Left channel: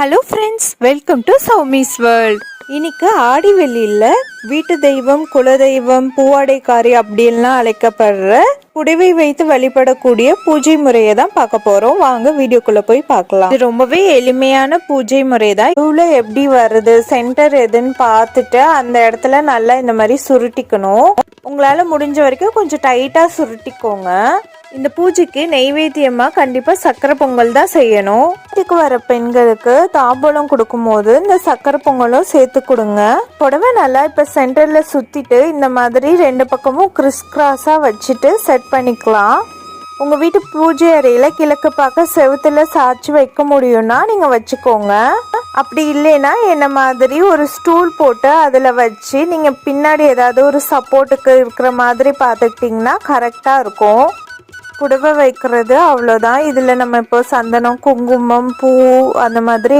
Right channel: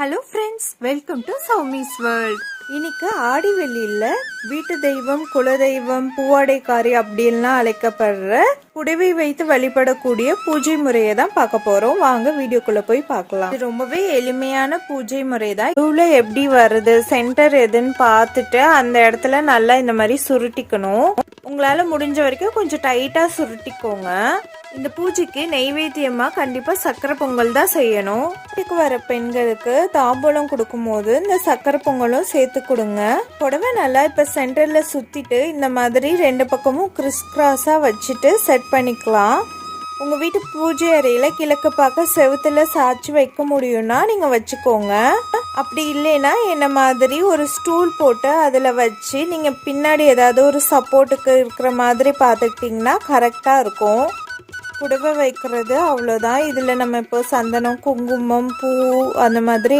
Hello friends, welcome to Soumi's world. இன்னைக்கு ஆடி வெள்ளியில் வீட்டு தெய்வம், குலதெய்வம், பூவாடைக்காரி அப்படின்லாம் அழைக்கப்படுற புடவை வைத்து வழிபடக்கூடிய பூஜை முறையை தான் பார்க்க போறோம். வாங்க வீடியோக்குள்ள போய் பார்க்கலாம். இது ரொம்பவே எளிமையான பூஜை முறை தான். இதுல எப்படி வருது, சென்டர் எதுன்னு பார்த்துட்டு அந்த இடத்துல நல்லா இந்த மாதிரி சுருட்டிக்கணும். உங்களால முடிஞ்ச வரைக்கும் கொஞ்சம் டைட்டா சுருட்டிக்கோங்க. இந்த பூஜைக்கு நெய்வேத்தியமா கண்டிப்பா சக்கரை பொங்கல் தான் செய்யணும். வீட்டுக்கு வர பெண்களுக்கு தாம்பூலம் கொடுக்கும் போது இந்த சக்கரை பொங்கலும் சேர்த்து கொடுங்க. புடவை நல்லா இப்ப சென்டர்ல சுத்திட்டு இந்த மாதிரி ரெண்டு பக்கமும் கிறிஸ் கிராஸா வச்சுட்டு செட் பண்ணிக்கலாம். உங்க வீட்டு பூஜை அறையில கிழக்கு பார்க்க செவுத்துல சாய்ச்சி வைக்க முடியும்னா நீங்க வச்சுக்கோங்க. அப்படி இல்லைன்னா என்ன மாதிரி ஒரு ஸ்டூல் போட்டு அதுல வச்சு நீங்க பின்னாடி ஏதாவது ஒரு சப்போர்ட்டுக்கு இருக்கிற மாதிரி பார்த்துக்கிட்டிங்கன்னா கரெக்டா இருக்கும். புடவை வைக்கிறது அவ்வளோதான். இதில் நம்ம இப்போ சந்தனம், குங்குமம், பூ அந்த மாதிரி